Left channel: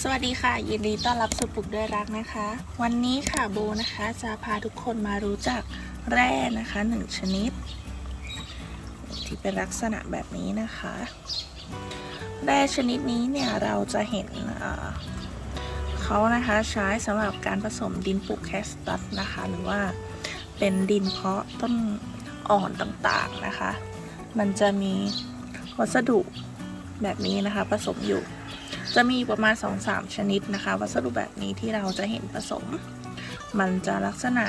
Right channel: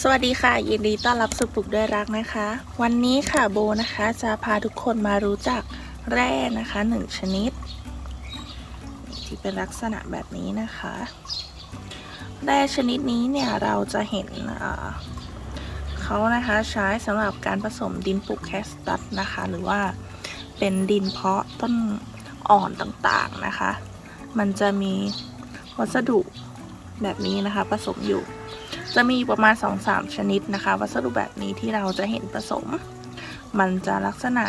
สวัสดีค่ะ ยินดีต้อนรับสู่ปลูกด้วยรักนะคะ วันนี้ค่ะโบนะคะจะพาทุกคนมารู้จักแร่นะคะหนึ่งชนิด ที่เป็นลักษณะแบบนี้นะคะ แร่ชนิดนี้เนี่ยเราจะเห็นเขานะคะใช้สำหรับการผสมดินปลูกแคสตัสนะคะ หรือว่าเป็นดินเพาะต้นอ่อนต่างๆนะคะ มันจะมีวัสดุแบบนี้นะคะผสมอยู่ จะมีประมาณ 2-3 ชนิดนะคะ วัสดุแบบนี้ที่เราจะเห็นผสม มันจะลักษณะ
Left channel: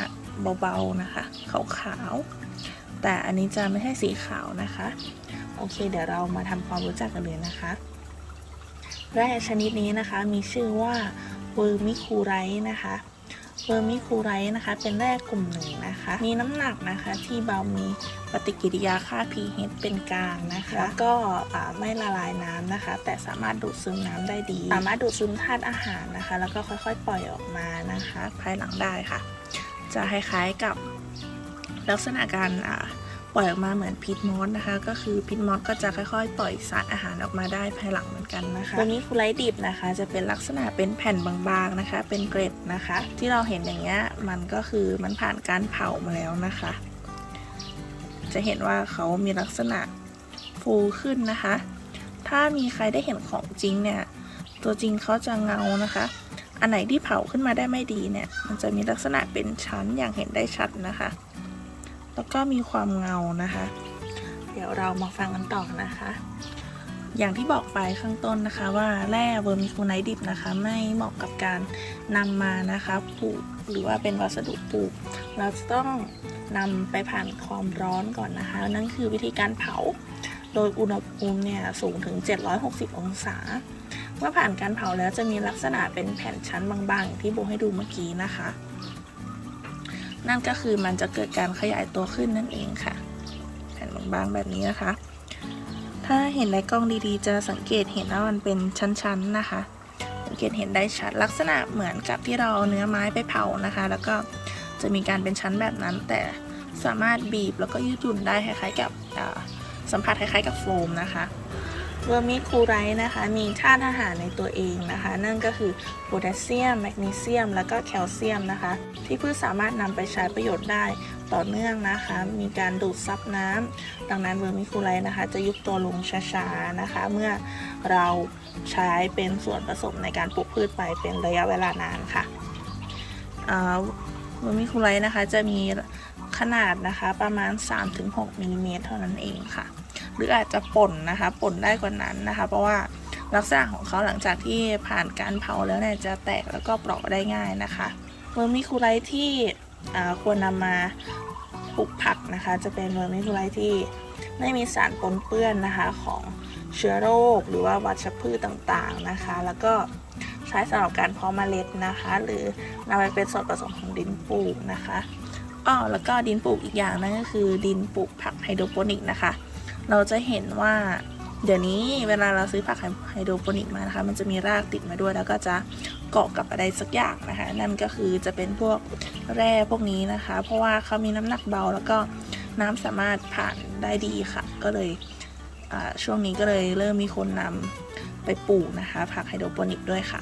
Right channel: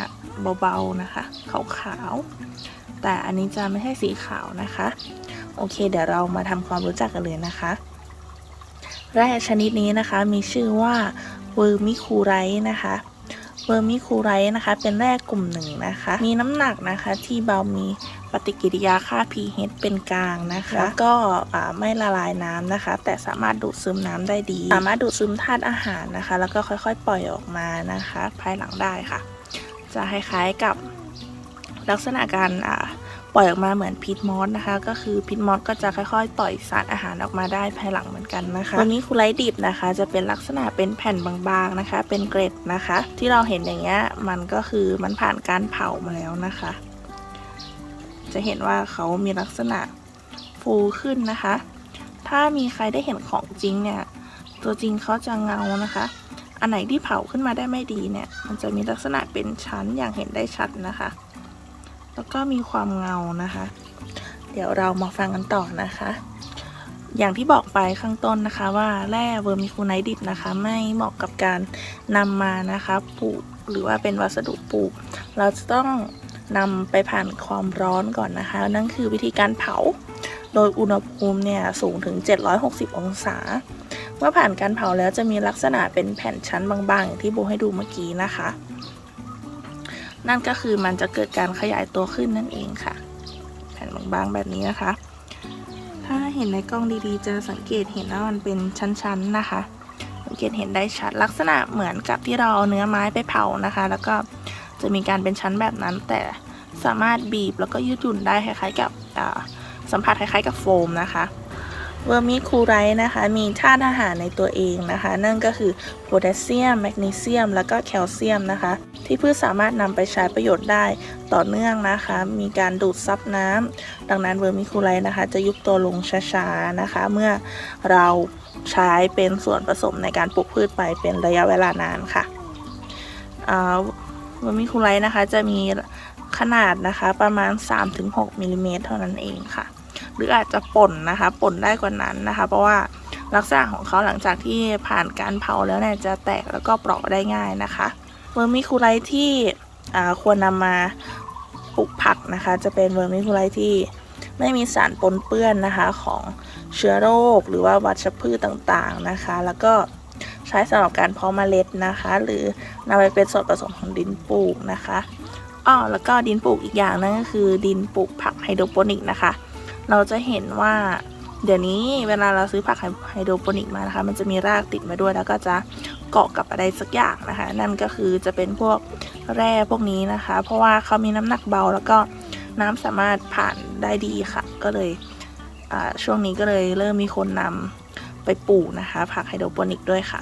เบาๆนะคะ ขาวๆ แต่อันนี้จะไม่ใช่สีขาวนะคะ โอเค เดี๋ยวเรามาทำความรู้จักกันเลยนะคะแร่ชนิดนี้นะคะมีชื่อว่าเวอร์มิคูไรต์นะคะ เวอร์มิคูไรต์นะคะ เป็นแร่กลุ่มหนึ่งนะคะ มีน้ำหนักนะคะที่เบามีปฏิกิริยาค่า pH เป็นกลางนะคะก็อ่าไม่ละลายน้ำนะคะ แต่สามารถดูดซึมน้ำได้ดี สามารถดูดซึมธาตุอาหารนะคะ แล้วก็ค่อยๆ ปล่อยออกมานะคะ ภายหลังได้ค่ะ จะคล้ายๆกับลักษณะการอ่า ปล่อยออกมาเหมือนพิษมอสนะคะ ก็คือพิษมอสก็จะค่อยๆ ปล่อยสารอาหารออกมาได้ภายหลังเหมือนกันนะคะวันนี้คุไลดิบนะคะ จะเป็นลักษณะเป็นแผ่นบางๆนะคะ เป็นเกร็ดนะคะ ที่เราเห็นอย่างเงี้ยมันก็คือมันผ่านการเผามาแล้วนะคะ จะเห็นว่าเขามีลักษณะฟูขึ้นนะคะ ถ้ามีใครได้เห็นของจริงเนี่ย ตัวจริงเขาจะเงานะคะ อันไหนที่เผาขึ้นมาได้ไม่ดีเนี่ย มันจะมีลักษณะเป็นชั้นอย่างเห็นได้ชัดนะคะ แล้วก็มีความเงานะคะ เดี๋ยวเรามาฟังกันต่อนะคะ อย่างที่บอกไปข้างต้นนะคะว่าแร่เวอร์มิคูไนท์ดิบนะคะ ไม่เหมาะกับการนำมานะคะปลูกหรือว่าเป็นวัสดุปลูก เราจะต้องนำไปผ่านความร้อนก่อนนะคะ นั่นคือวิธีการเผา โดยอุณหภูมิเนี่ยสูงถึง 760 องศา เมื่อผ่านการเผาแล้วจะมีลักษณะเป็นแผ่นชั้นบางๆ ที่โบให้ดูเมื่อกี้นะคะ นั่นก็คือมันจะเกิดการขยายตัวขึ้นนั่นเองค่ะ แผ่นบางๆแบบนี้นะคะ ถ้าเห็นในกล้องดีๆ จะสังเกตเห็นว่ามันเป็นชั้นๆนะคะ สังเกตเห็นได้ชัดลักษณะเหมือนกับที่เราเอาเนื้อไม้ไปเผานะคะ แล้วก็จะมีการเป็นชั้นแบบนั้น แต่สามารถบีบแล้วก็ยืดหยุ่นได้คล้ายๆกับสัมผัสคล้ายๆกับโฟมนะคะ เวอร์มิคูไรต์นะคะ มีธาตุอาหารในตัวเองนะคะ นั่นก็คือโพแทสเซียม แมกนีเซียม แล้วก็แคลเซียมนะคะ ที่พืชสามารถนำไปใช้ประโยชน์ได้ต่อเนื่องนะคะ มีการดูดซับน้ำดังนั้นเวอร์มิคูไรต์นะคะ จะยุบตัวลงช้าๆนะคะ เมื่อเราใช้เป็นส่วนผสมในการปลูกพืชไปเป็นระยะเวลานานค่ะเวอร์มิคูไรต์นะคะจะมีขนาดนะคะประมาณ 3-6มิลลิเมตรเท่านั้นเองค่ะ หรืออาจจะป่นนะคะป่นได้กว่านั้นนะคะ เพราะว่าลักษณะของเขาหลังจากที่ผ่านการเผาแล้วเนี่ยจะแตกแล้วก็เปราะได้ง่ายนะคะเวอร์มิคูไรที่อ่าควรนำมาปลูกผักนะคะ จะเป็นเวอร์มิคูไรที่ไม่มีสารปนเปื้อนนะคะของเชื้อโรคหรือว่าวัชพืชต่างๆนะคะ แล้วก็ใช้สำหรับการเพาะเมล็ดนะคะ หรือนำไปเป็นส่วนผสมของดินปลูกนะคะอ้อแล้วก็ดินปลูกอีกอย่างนึงก็คือดินปลูกผักไฮโดรโปนิกนะคะ เราจะเห็นว่าเดี๋ยวนี้เวลาเราซื้อผักไฮโดรโปนิกมานะคะ มันจะมีรากติดมาด้วยแล้วก็จะเกาะกับอะไรสักอย่างนะคะ นั่นก็คือจะเป็นพวกแร่พวกนี้นะคะ เพราะว่าเขามีน้ำหนักเบาแล้วก็น้ำสามารถผ่านได้ดีค่ะ ก็เลยช่วงนี้ก็เลยเริ่มมีคนนำไปปลูกนะคะ ผักไฮโดรโปนิกด้วยค่ะ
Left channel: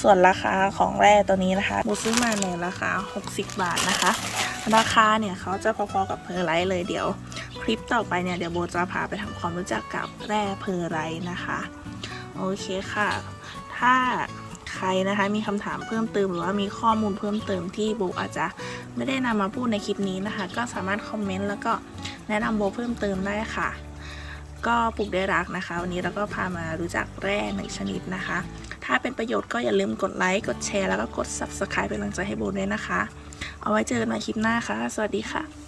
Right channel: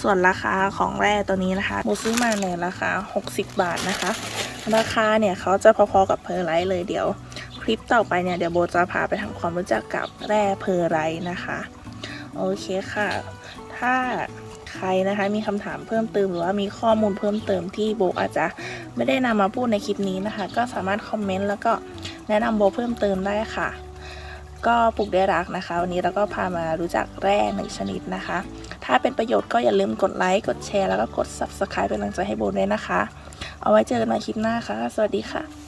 ส่วนราคาของแร่ตัวนี้นะคะโบซื้อมาในราคา 60 บาทนะคะ ราคาเนี่ยเขาจะพอๆกับเพอร์ไลท์เลยเดี๋ยว คลิปต่อไปเนี่ยเดี๋ยวโบจะพาไปทำความรู้จักกับแร่เพอร์ไลท์นะคะโอเคค่ะ ถ้าใครนะคะมีคำถามเพิ่มเติมหรือว่ามีข้อมูลเพิ่มเติมที่โบอาจจะไม่ได้นำมาพูดในคลิปนี้นะคะ ก็สามารถคอมเมนต์แล้วก็แนะนำโบเพิ่มเติมได้ค่ะ ก็ปลูกได้รักนะคะ วันนี้เราก็พามารู้จักแร่หนึ่งชนิดนะคะ ถ้าเป็นประโยชน์ก็อย่าลืมกดไลค์กดแชร์แล้วก็กด subscribe เป็นกำลังใจให้โบด้วยนะคะ เอาไว้เจอกันใหม่คลิปหน้าค่ะ สวัสดีค่ะ